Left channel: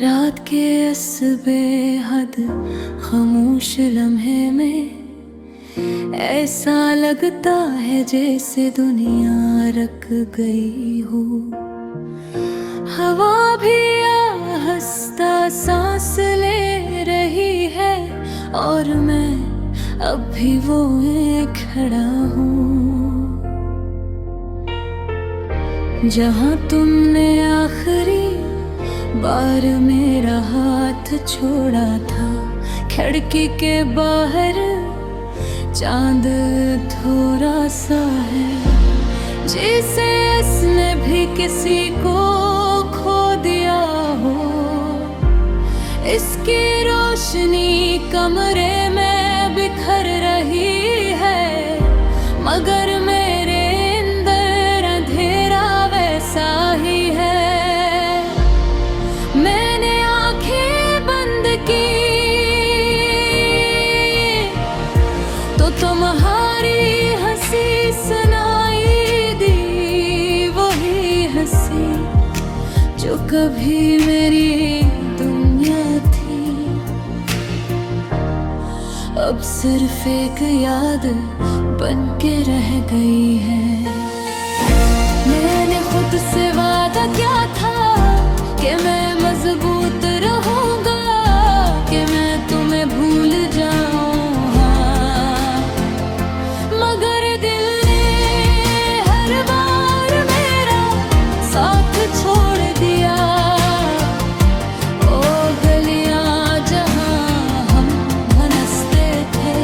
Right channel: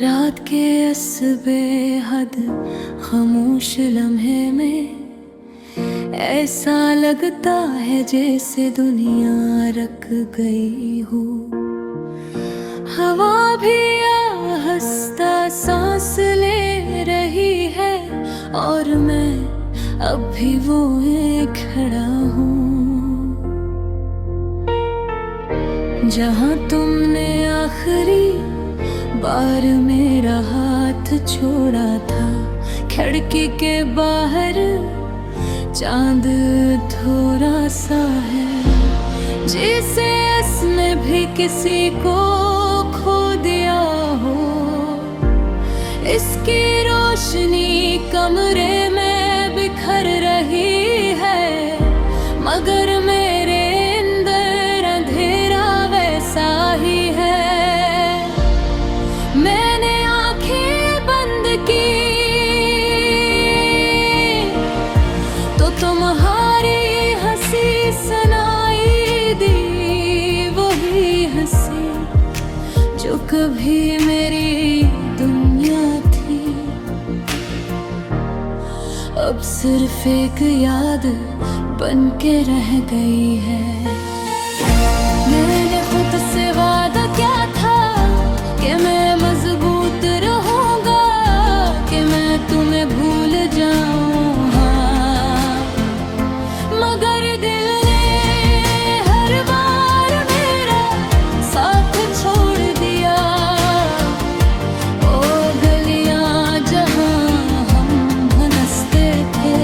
रात के इस बेहद खामोश लम्हे में ऐसा लगता है जैसे दुनिया रक गई हो। हवा भी आहिस्ता सांस ले रही है और मैं अब भी वो खड़ा हूँ जहाँ तुमने आखिरी बार मेरा हाथ छोड़ा था। खिड़की के बाहर चांद थोड़ा सा है जैसे इसने भी किसी को खो दिया हो। इसकी रोशनी कमरे में बिखर रही है मगर मेरे अंदर अंधेरा वैसा ही है। मैंने आंखें बंद की तो तुम्हारी हंसी सुनाई दी, वही हंसी जो कभी मेरी दुनिया थी। अब सिर्फ एक याद बन के रह गई है। मैंने खुद से वादा किया था कि मैं मजबूत रहूंगा, कि मैं तुम्हें भूल जाऊं। हाँ, मगर दिल ने हर बार मेरा साथ छोड़ दिया। ओ गलियां जहां हम हंसते थे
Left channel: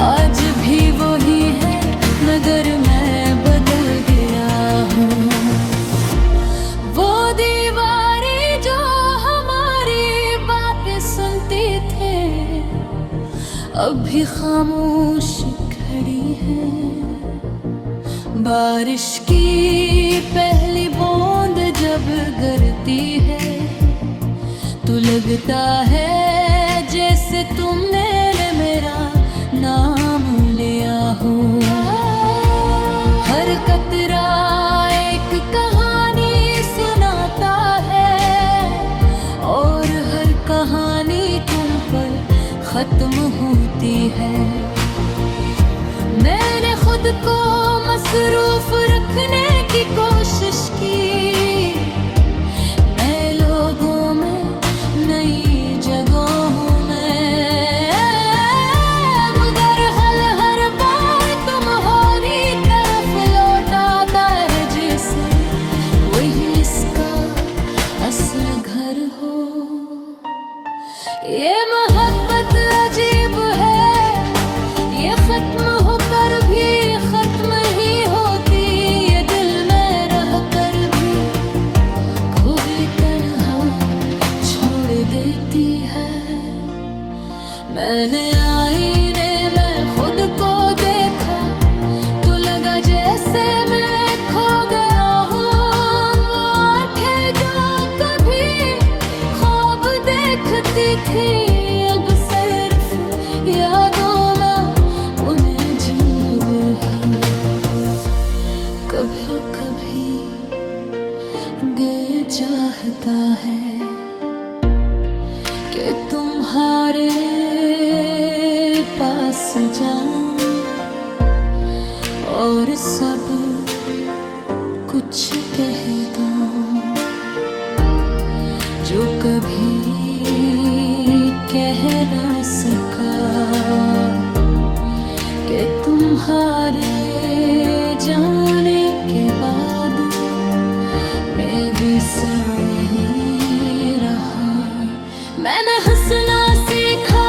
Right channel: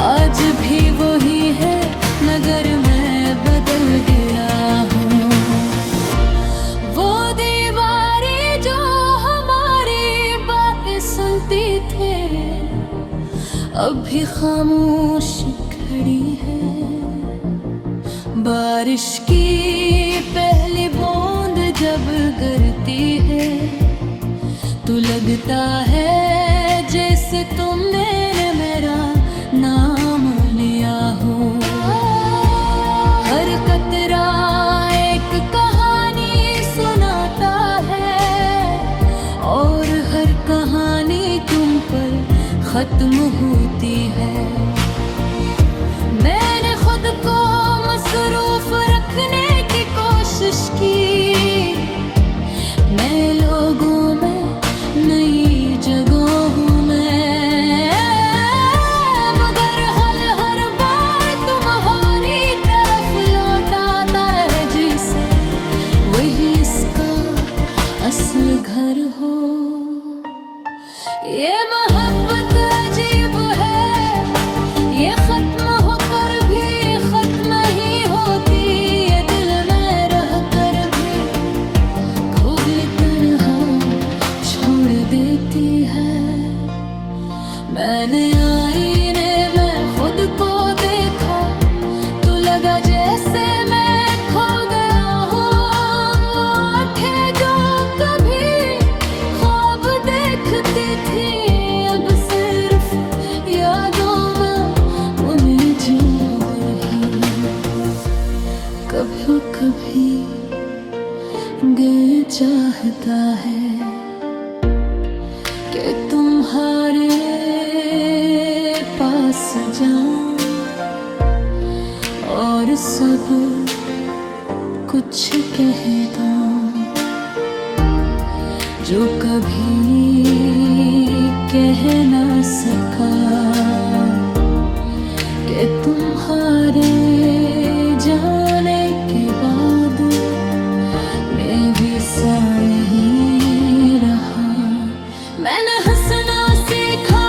आज भी वही है मगर मैं बदल गया हूँ। सुनती थे अब भी खामोश खड़ी है। बारिश की पहली बूंद जब गिरती है तो लगता है जैसे तुमने मेरा नाम लिया हो। हर कतरा एक कहानी सुनाता है और हर कहानी तुम पर खत्म होती है। मैंने खुद को मसरूफ रखने की कोशिश की, नए लोगों में नई जगहों में, मगर हर बार तुम्हारी तरफ लौट आता है जैसे वही इसका असल घर हो। ये मोहब्बत अजीब है, ये खत्म होकर भी खत्म ही होती। ये दिल में रह कर भी खूब तन्हा छोड़ देती है। मैंने आईने में खुद को देखा तो लगा जैसे मैं खो गया हूँ। वो आंखें जो कभी ख्वाब देखती थी अब सिर्फ यादों में उलझी हुई। कभी कभी दिल चाहता है कि तुम्हारे पास जाऊं और सब कुछ कह दूं जो कभी कह ना सका, कि तुम्हारे जाने के बाद मैं भी सा नहीं रहा। मैंने हंसना सीखा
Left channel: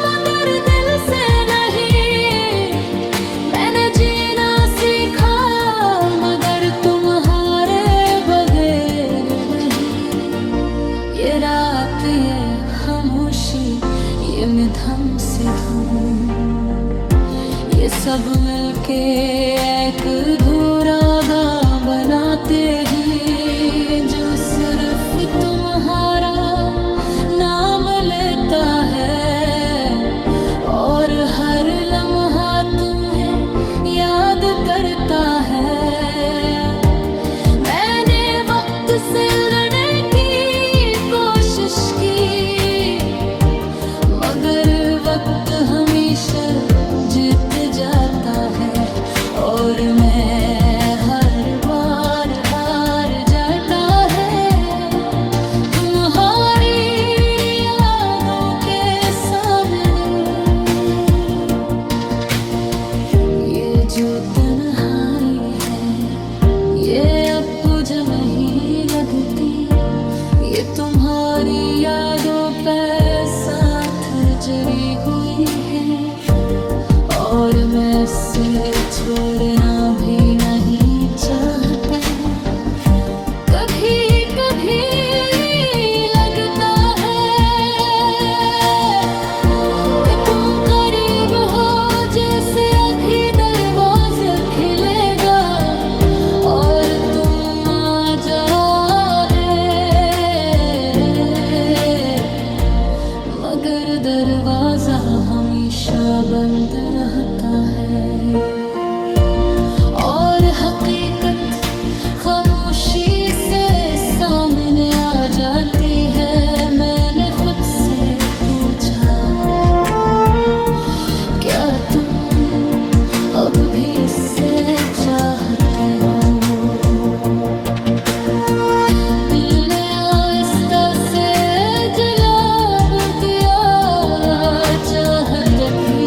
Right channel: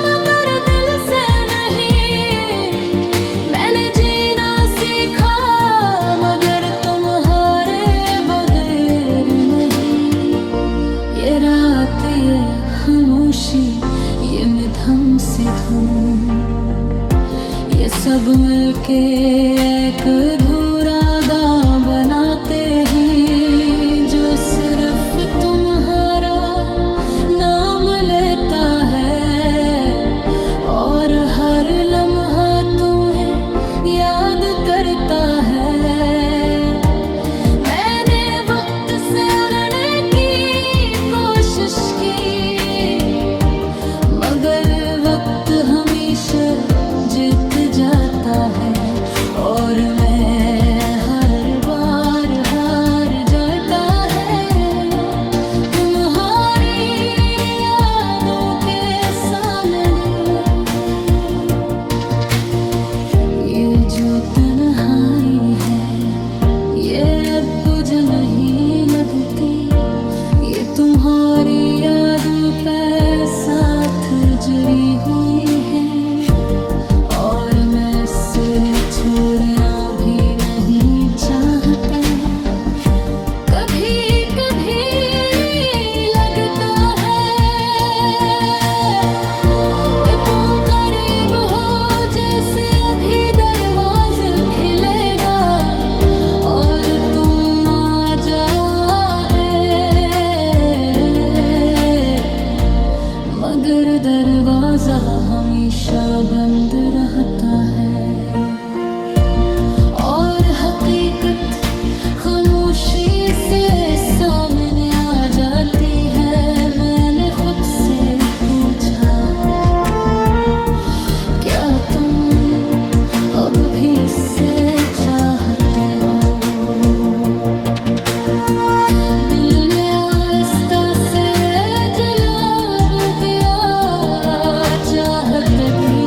मगर दिल से नहीं, मैंने जीना सीखा मगर तुम्हारे बगैर नहीं। ये रात ये खामोशी ये मिधम सी धुन, ये सब मिलके एक अधूरा गा बनाते ही जो सिर्फ तुम्हारा नाम लेता है और हर लम्हा तुम्हें याद करता है। मैंने वक्त से उलझने की कोशिश की, मगर वक्त हमेशा जीत जाता है और मैं हर बार हार जाता है। तुम्हारी यादों के सामने ये जो तन्हाई है, ये अब बुझ नहीं लगती। ये तुम्हारी यादों पे साथ जड़ी हुई है और मैं इसे छोड़ना भी नहीं चाहता। कभी कभी लगता है कि तुम करीब हो, जैसे अभी दरवाजा खिलेगा और तुम आ जाओगे, मगर दरवाजा हमेशा बंद रहता है और हकीकत खामोशी से सामने आ जाती है। मैंने खुद से पूछा, क्या तुम अब भी इससे चाहते हो? दिल ने आहिस्ता से जवाब दिया, चाहत भी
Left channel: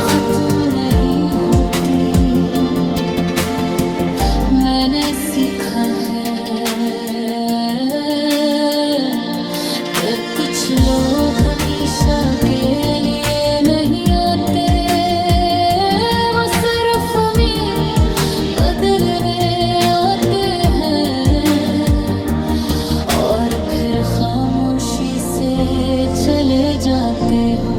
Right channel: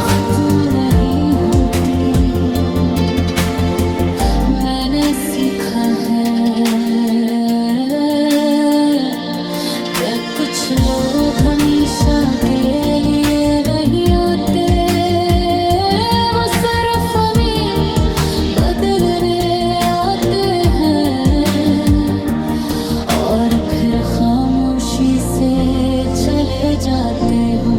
खत्म नहीं होती। मैंने सीखा है कि कुछ लोग हमेशा के लिए नहीं आते, वो सिर्फ हमें बदलने आते हैं और फिर खामोशी से चले जाते हो।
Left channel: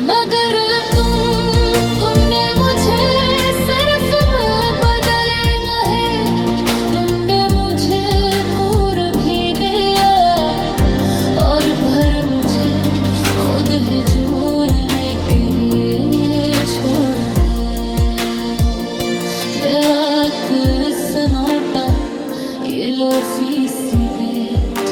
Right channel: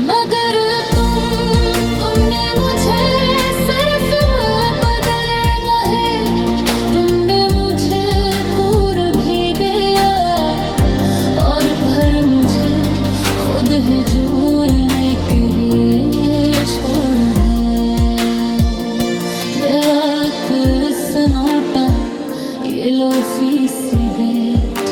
मगर तुमने मुझे सिर्फ बदले नहीं, तुमने मुझे कूर भी दिया और फिर मुझे खुद ही झूलने के लिए छोड़ दे। बेवक्त सन्नाटा, ये लोफी सी बेट,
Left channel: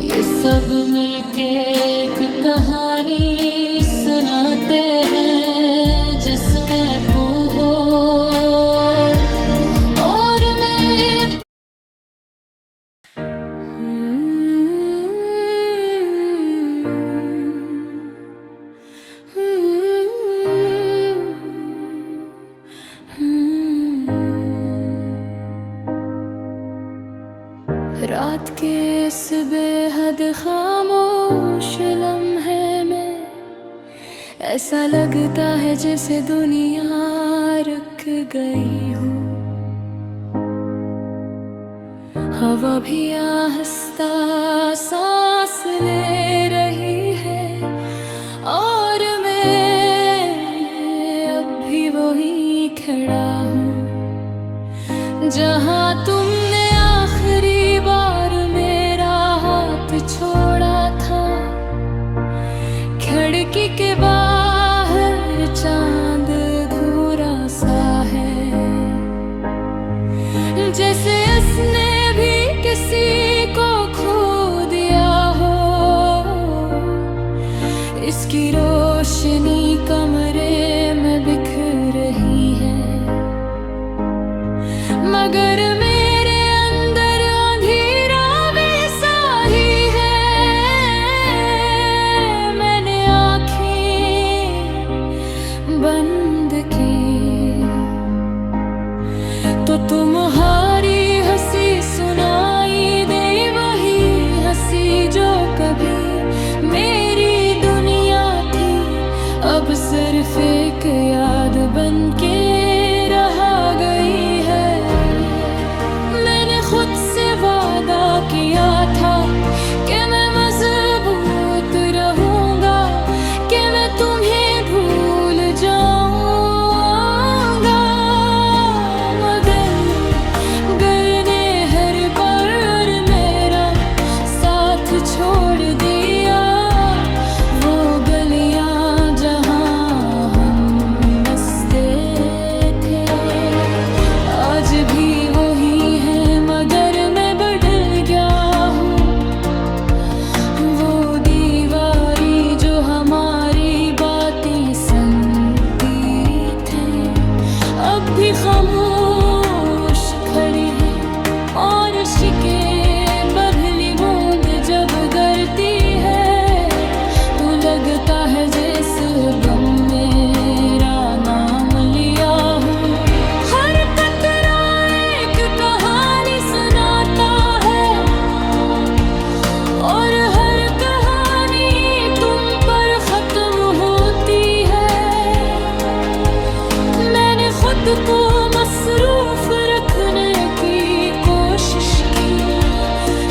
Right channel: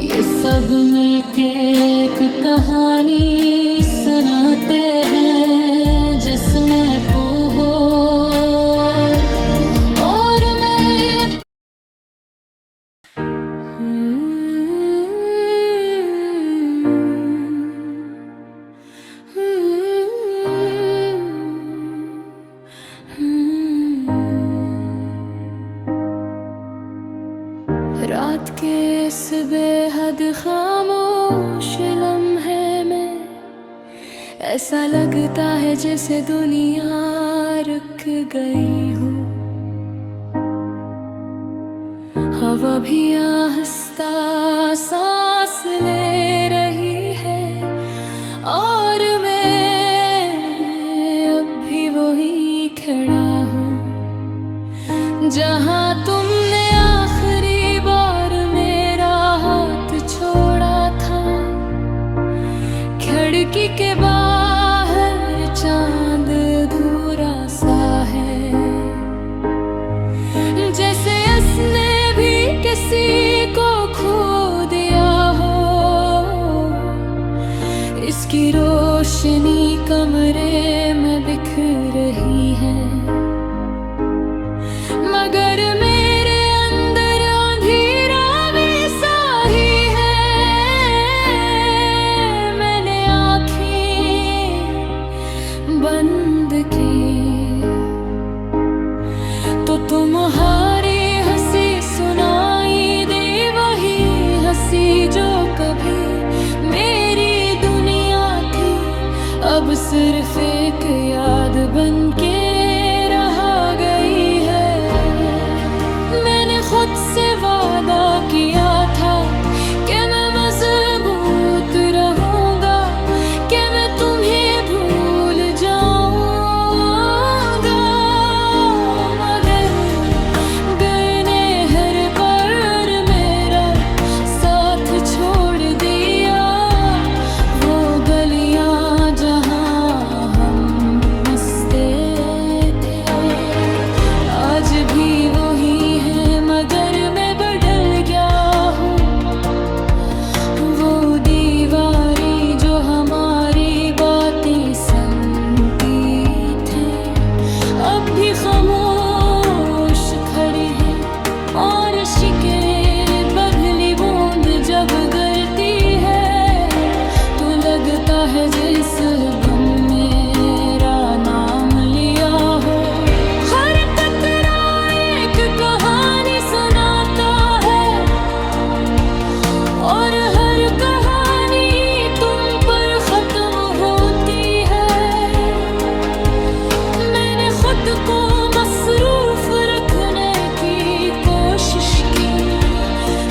ये सब मिलके एक कहानी सुनाते हैं जिसमें तू हो और मैं। रात के इस बेहद खामोश लम्हे में ऐसा लगता है जैसे दुनिया रुक गई हो। हवा भी आहिस्ता सांस ले रही है और मैं अब भी वही खड़ा हूँ जहाँ तुमने आखिरी बार मेरा हाथ छोड़ा था। खिड़की के बाहर चांद अधूरा सा है, जैसे इसने भी किसी को खो दिया हो। इसकी रोशनी कमरे में दिख रही है, मगर मेरे अंदर अंधेरा वैसा ही है। मैंने आँखें बंद की तो तुम्हारी हंसी सुनाई दे, वही हंसी जो कभी मेरी दुनिया थी, अब सिर्फ एक याद बन के रह गई है। मैंने खुद से वादा किया था कि मैं मजबूत रहूंगा, कि मैं तुम्हें भूल जाऊंगा, मगर गए ने हर बार मेरा साथ छोड़ दिया। बारिश के बदली बूंद जब गिरती है तो लगता है जिस गम मेरा नाम लिया हो। हर कतरा एक कहानी सुनाता है और हर कहानी तुम पर खत्म होती है। मैंने खुद को मसरूफ रखने की कोशिश की,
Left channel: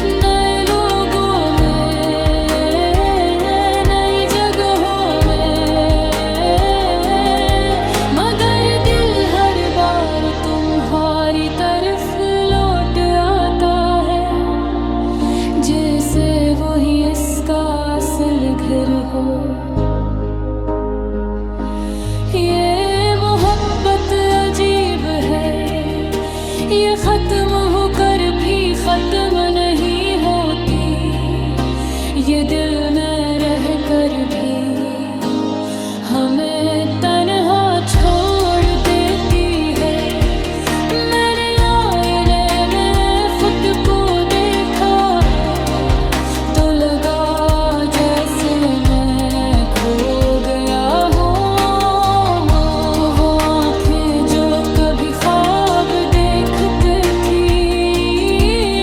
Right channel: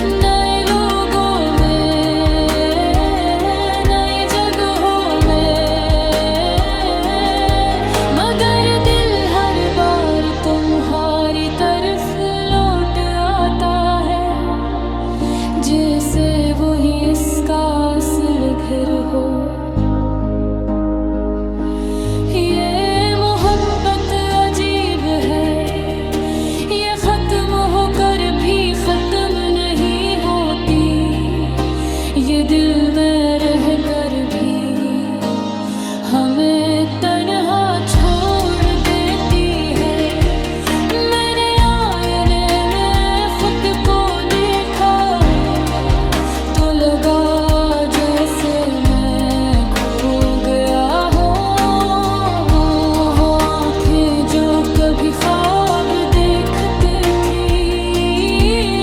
नए लोगों में, नई जगहों में, मगर दिल हर बार तुम्हारी तरफ लौट आता है, जैसे वही इसका असल घर हो। ये मोहब्बत अजीब है, ये खत्म होकर भी खत्म नहीं होती, ये दिल में रह कर भी हमें तन्हा छोड़ देती है। मैंने आईने में खुद को देखा तो लगा जैसे मैं खो गया हूँ। वो आँखें जो कभी ख्वाब देखते थी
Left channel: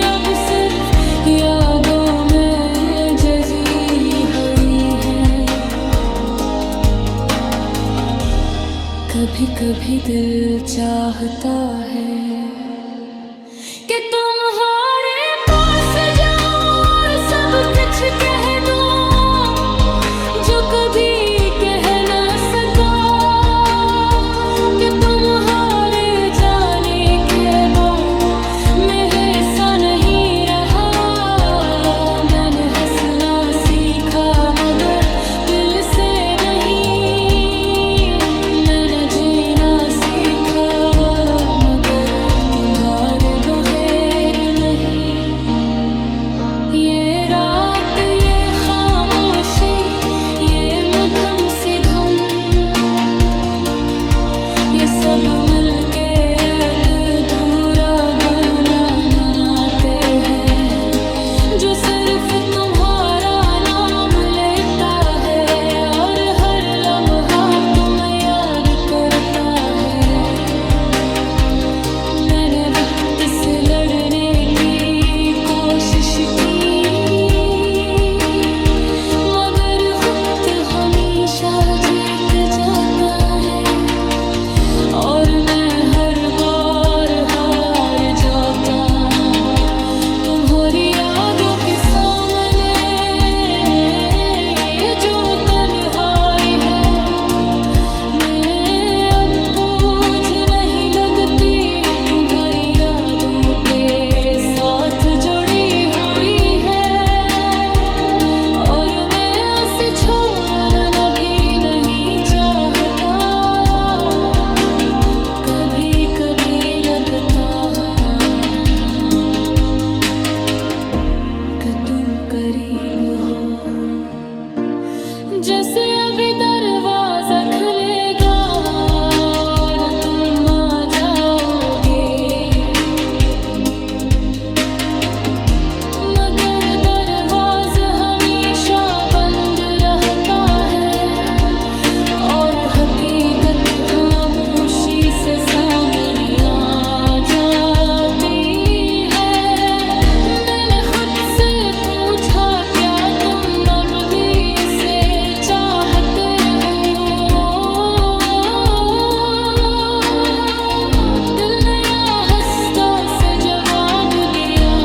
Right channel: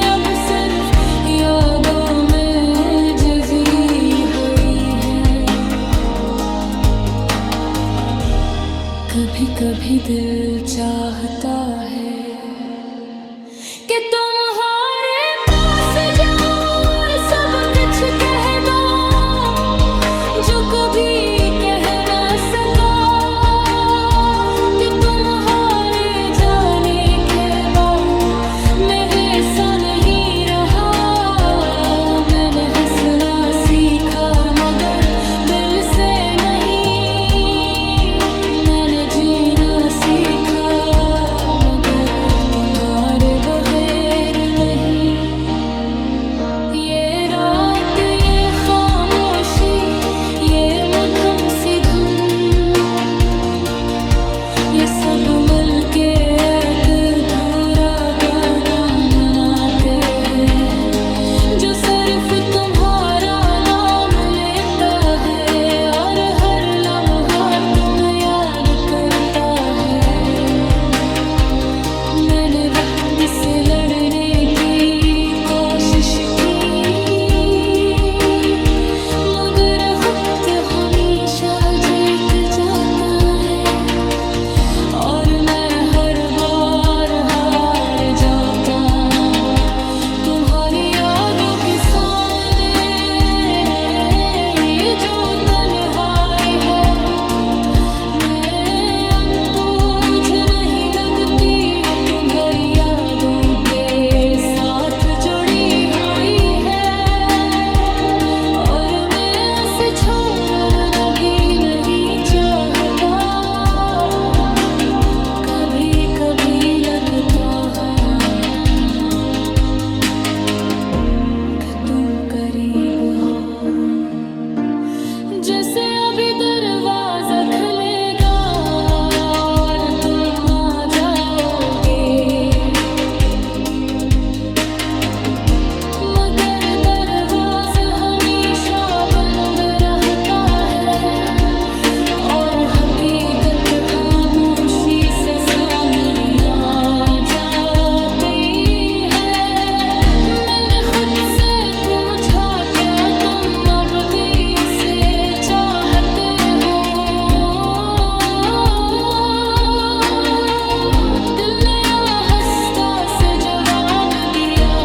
अब सिर्फ यादों में जजी हुई है। कभी कभी दिल चाहता है कि तुम्हारे पास जाऊं और सब कुछ कह दो जो कभी कह ना सका, कि तुम्हारे जाने के बाद मेरे सा नहीं रहा। मैंने हंसना सीखा मगर दिल से नहीं, मैंने जीना सीखा मगर तुम्हारे बगैर नहीं। ये रात, ये खामोशी, ये मधुम सी धुन, ये सब मिलके एक अधूरा गाना मनाते हैं जो सिर्फ तुम्हारा नाम लेता है और हर लम्हा तुम याद करता है। मैंने वक्त से लड़ने की कोशिश की मगर वक्त हमेशा जीत जाता है और मैं हर बार हार जाता तुम्हारी यादों के सामने। ये जो तन्हाई है मैं अब पूछ नहीं लगती, तुम्हारी यादों के साथ जुड़ी हुई है और मैं उसे छोड़ना भी नहीं चाहता। कभी कभी लगता कि तुम करीब हो, जैसे अभी दरवाजा खुलेगा और तुम आ जाओगे, मगर दरवाजा हमेशा बंद रहता है और हकीकत खामोशी से सामने आ जाती है। मैंने खुद से पूछा क्या तुम अब भी इसे चाहते हो? दिल ने आहिस्ता से जवाब दिया,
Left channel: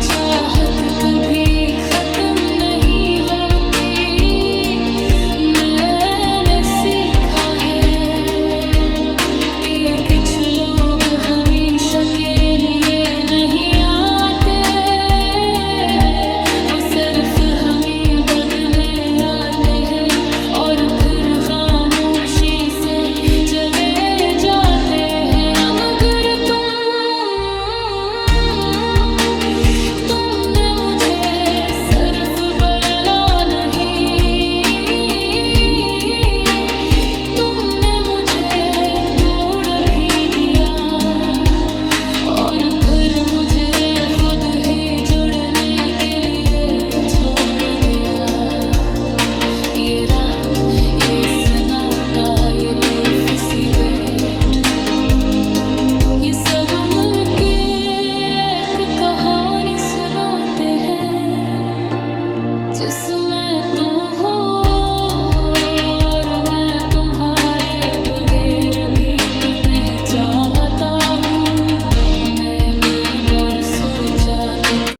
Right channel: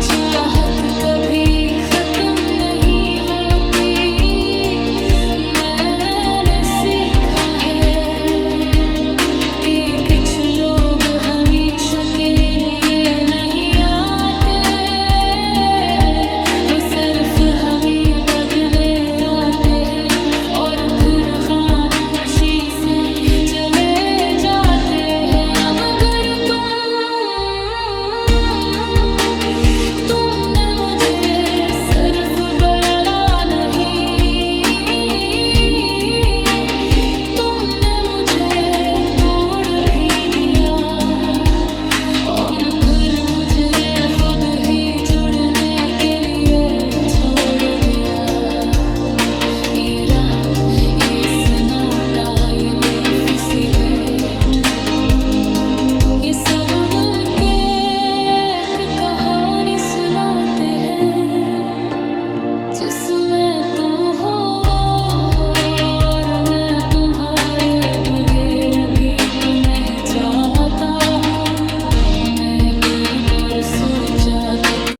चाहत कभी खत्म नहीं होती। मैंने सीखा है कि कुछ लोग हमेशा के लिए नहीं आते, वो सिर्फ हमें बदले आते हैं और फिर खामोशी से चले जाते हैं। मगर तुमने मुझे सिर्फ बदला नहीं, तुमने मुझे तोड़ भी दिया और फिर मुझे खुद कहानी सुनाते हैं जिसमें तू हो और मैं तुम्हारे बगैर भी तुम्हें चाहता हूँ। मैं कई बार सोचा कि